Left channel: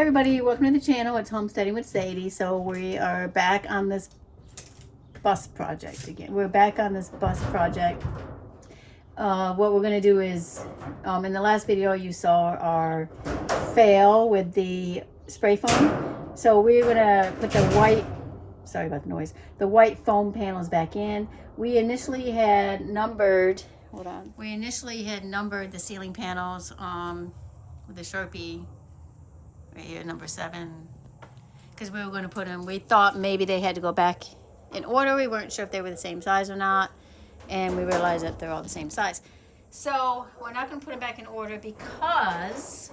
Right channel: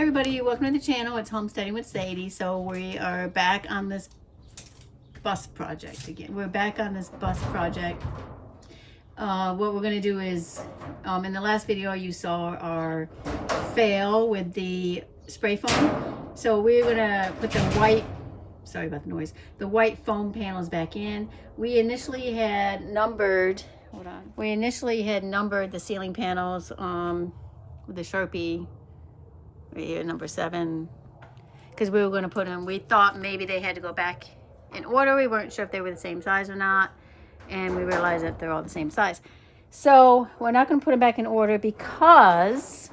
everybody, welcome to the channel. It's Homesteading with Sadie. So we are back on this bus project again. We're back on this bus project. What we're going to do is, in the last video you saw our fail with the spray foam. So we're going to put the white, sorry about the noise, the white foam panels back in. We initially had numbered, hold on, we initially had numbered the ceiling panels with the Sharpie. Right here, number 7, because we were going to put them, we thought maybe they had to go back in order. We weren't sure if they were the same size or not, and we realized that they're all the same size. So we're not going to put them back in order because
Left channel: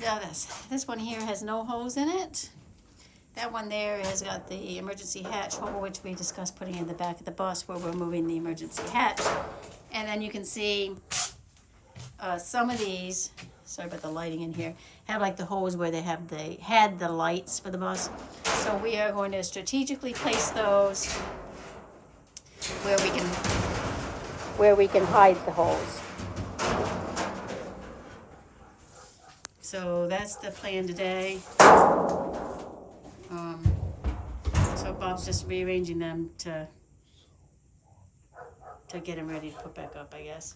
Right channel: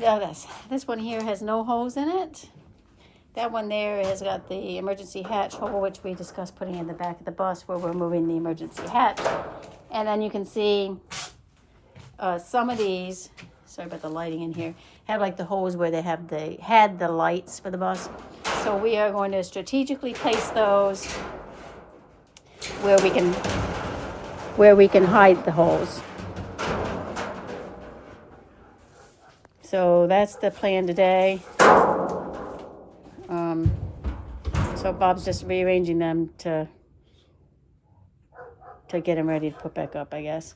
this one here has no holes in it. That one there has got the emergency hatch hole, which we discussed putting in the back of the bus where we're moving the emergency hatch. And then you can see some of these, sorry about the lighting in here, have like the holes where they have had the lights for the bus. So we are going to strategically place those where we can hide the holes. So that's the plan today. So Bob's just rearranging them to get them ready to put back up, I guess.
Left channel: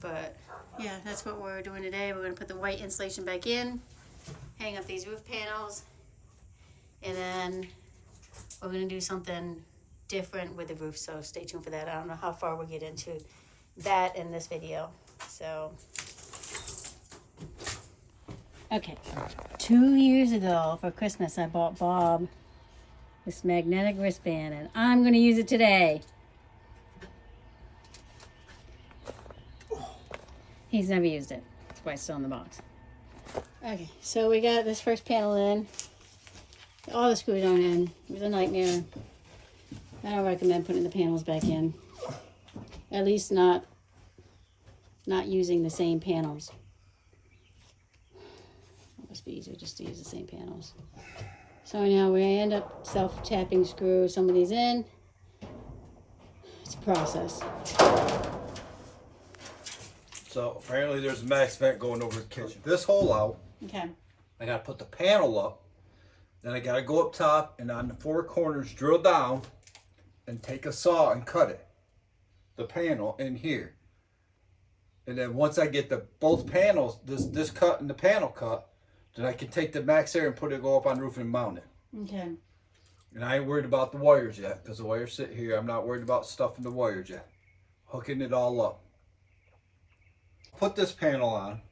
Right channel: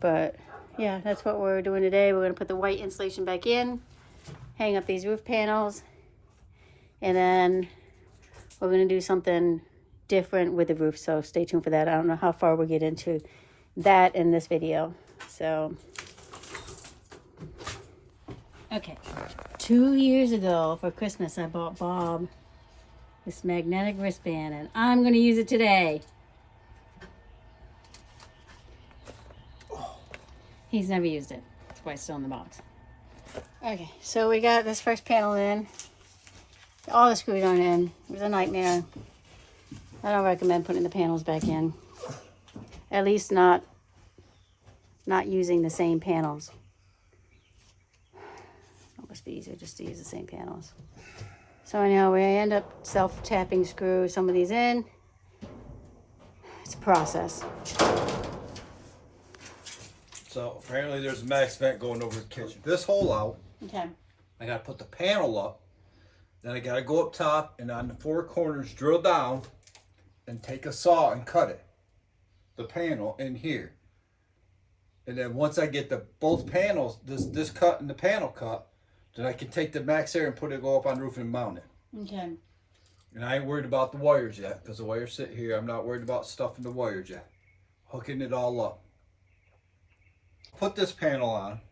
But yeah, that's what we're doing today. We're going to put the white insulation back in, hang up these roof panels, and then we're going to do something different with the roof. So stay tuned for that. I don't know how far we'll get into that in this video. So, okay. 2 years ago for Christmas, I bought Bob this magnetic wristband, and I'm going to use it today. He's never used it. That's why it's still in the box. Okay, so we got this first panel in. All the screws aren't in. It was a nightmare. I don't recommend putting the panels back in. At least not using the same panels. It must be easier just to use the same panels. So anyhow, we end up self-tapping screw some of these in. It's a process. So apparently there's a max vent going over the kitchen. This hole out. Okay. I gotta put the panel up. Then I gotta go up top and on the 4 corners drill down and take a saw and cut it. The panel in here. And then once I get both panels, this cut and the panel cut, then I can take the max air and go up on the roof and mount it. Okay. And I ain't worried about the wires yet, because the wires sit here. I'm not worried about stuffing the wires yet. Hooking it all up. Put this panel on.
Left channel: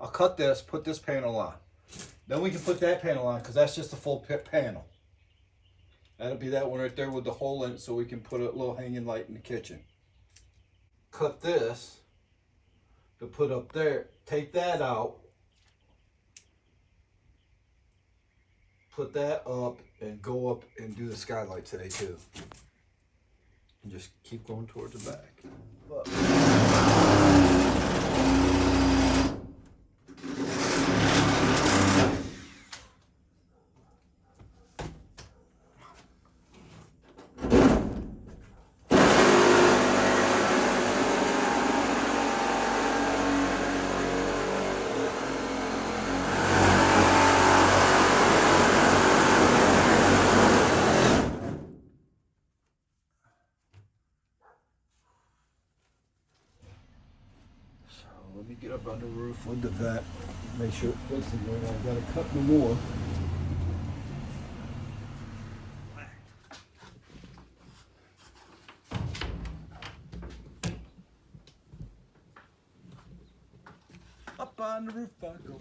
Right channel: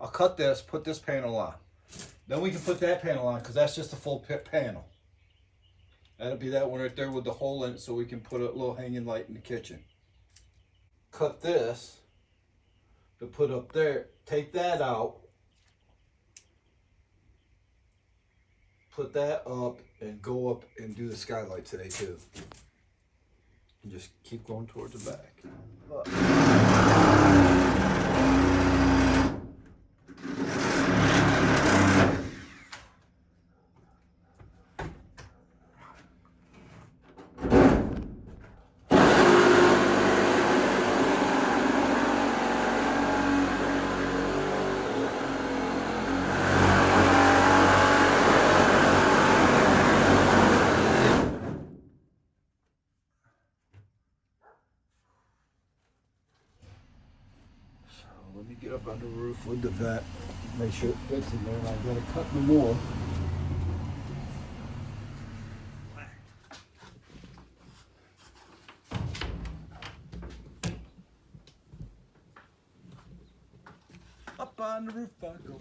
I'll cut this, put this panel on. Then we can put that panel on, because that's just a full panel. That'll be that one right there with the hole in it, so we can put a little hanging light in the kitchen. Cut this to put up there. Take that out. Put that up and go up and do the skylight today too. And just keep going towards the back. Look. Let me get up on the roof with the vent, make sure it fits in there. I gotta cut no more. Up on the roof I go.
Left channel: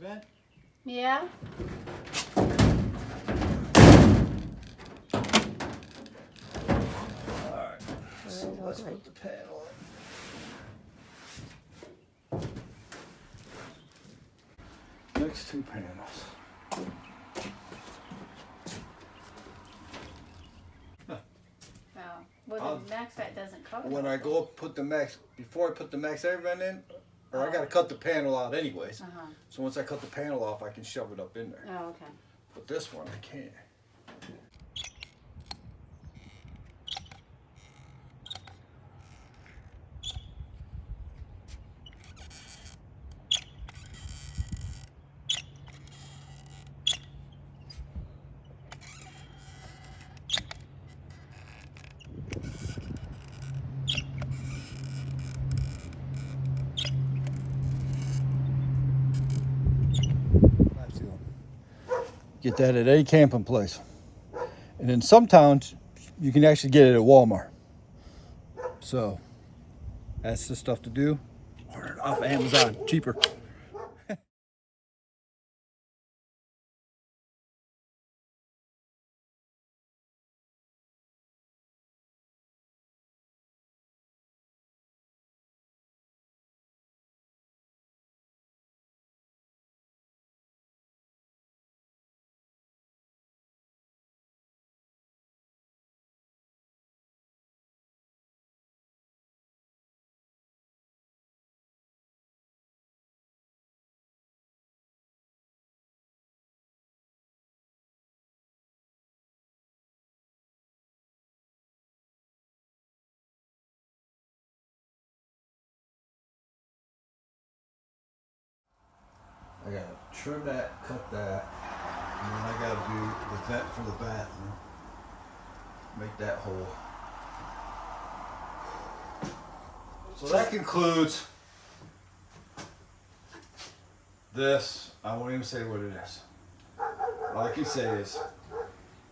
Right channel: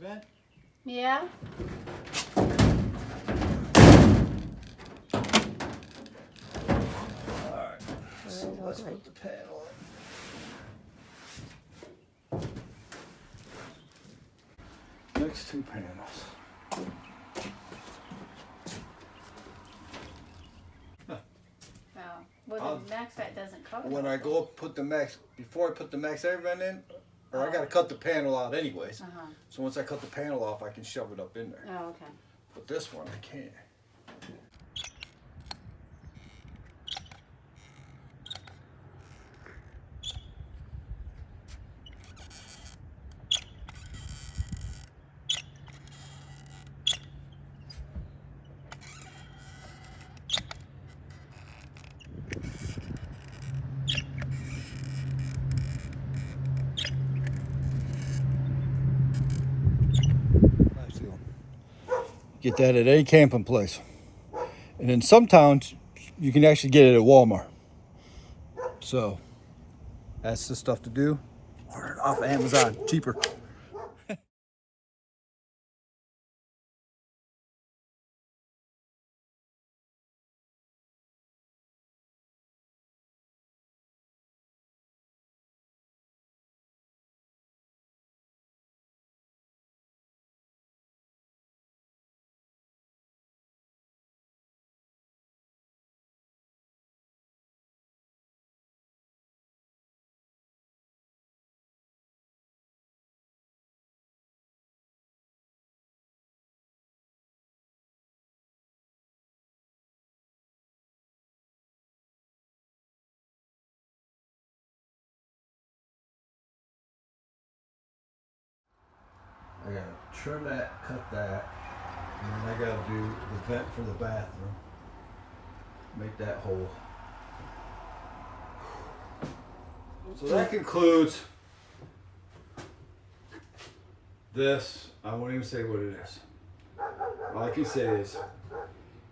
Vent? Yeah. Alright, so let's put the panel in. Next 2 panels. Wow. Well, the max fat doesn't cover. when I go put the max, before I put the max air vent in, or I gotta cut the panel out anyways. So once I cut the panel off, I can shove it up in there. Oh, okay. But this one, I can't. Get that at any camping place. And in some towns, you can actually get it at Walmart. So, that's the stuff to do. Order it off Amazon, cheaper. I gotta trim that, cut that, and then I gotta do the vent for the bathroom. Make that hole. So that concludes this. I won't even say what it is. All I can say is,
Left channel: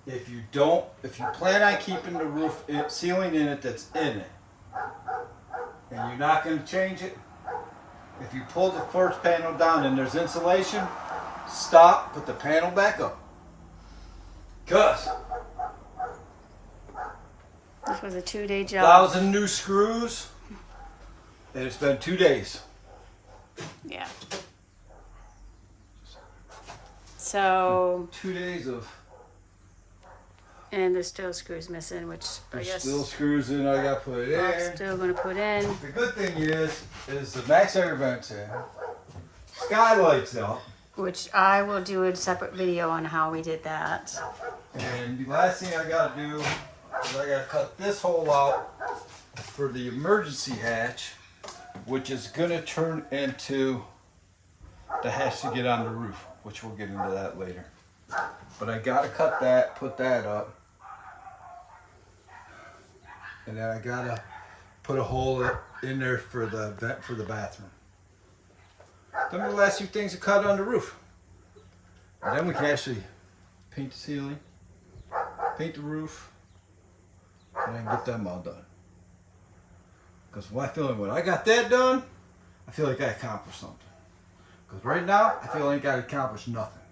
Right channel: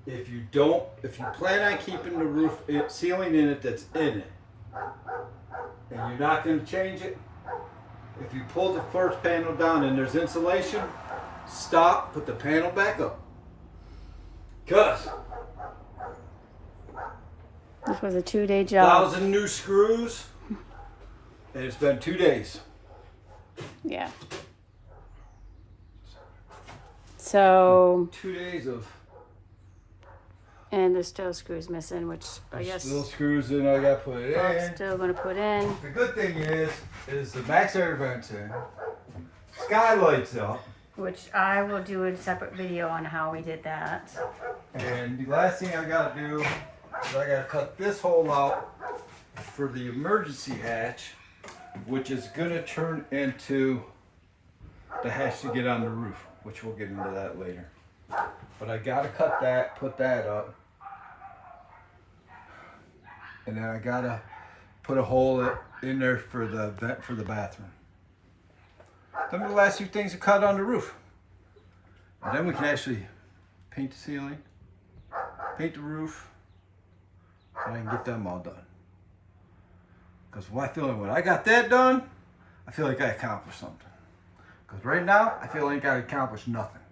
if you plan on keeping the roof ceiling in it that's in it, and you're not going to change it, if you pull the first panel down and there's insulation, stop, put the panel back up. Cause This was a 2-day job. 1,000 new screws, and it's been 2 days. Yeah. So, 2 days of. and there's still screws missing, which I There's guess still screws in. I gotta put it I'm in. still gonna put in. The good thing is the max air vent's in. Skylights up. Which I will do a separate video on how we did that. And the last thing I gotta do is I gotta cut this hole out for the emergency hatch, which is gonna turn into the hatch to get on the roof, which we'll get into that later. But I gotta cut that, put that up. And then I gotta put a hole in there for the vent for the bathroom. Them are the last few things to cut on the roof. And then we can actually paint the ceiling, paint the roof, and I can get them all done. Because when I got that done, I feel like I accomplished something. Because right now, I feel like I accomplished nothing.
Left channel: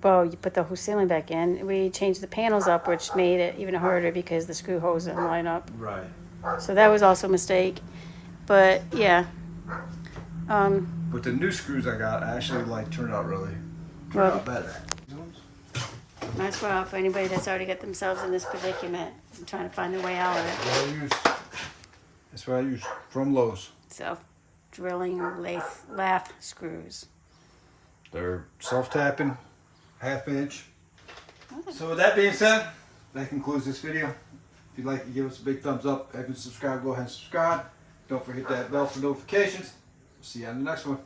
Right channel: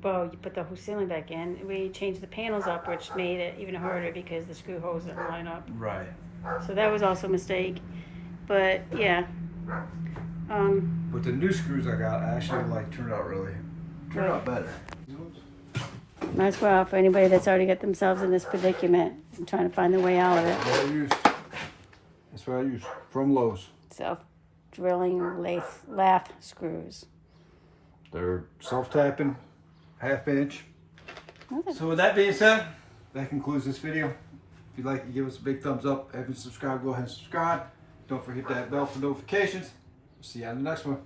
Well, you put the whole ceiling back in. We changed the panels up, which made it even harder because the screw holes didn't line up. Right. So that was also a mistake. But yeah. But the new screws I got actually turned out better. Nice well for anybody that's already got themselves in this predicament. I'm trying to find their way out of it. That's what I use from Lowe's. Self-drilling lath screws. They're self-tapping, 1/2 inch. So with that being said, that concludes this video. If you'd like to give us a big thumbs up, if you subscribe, go ahead and subscribe. Don't forget that bell for notifications. See you on the next one.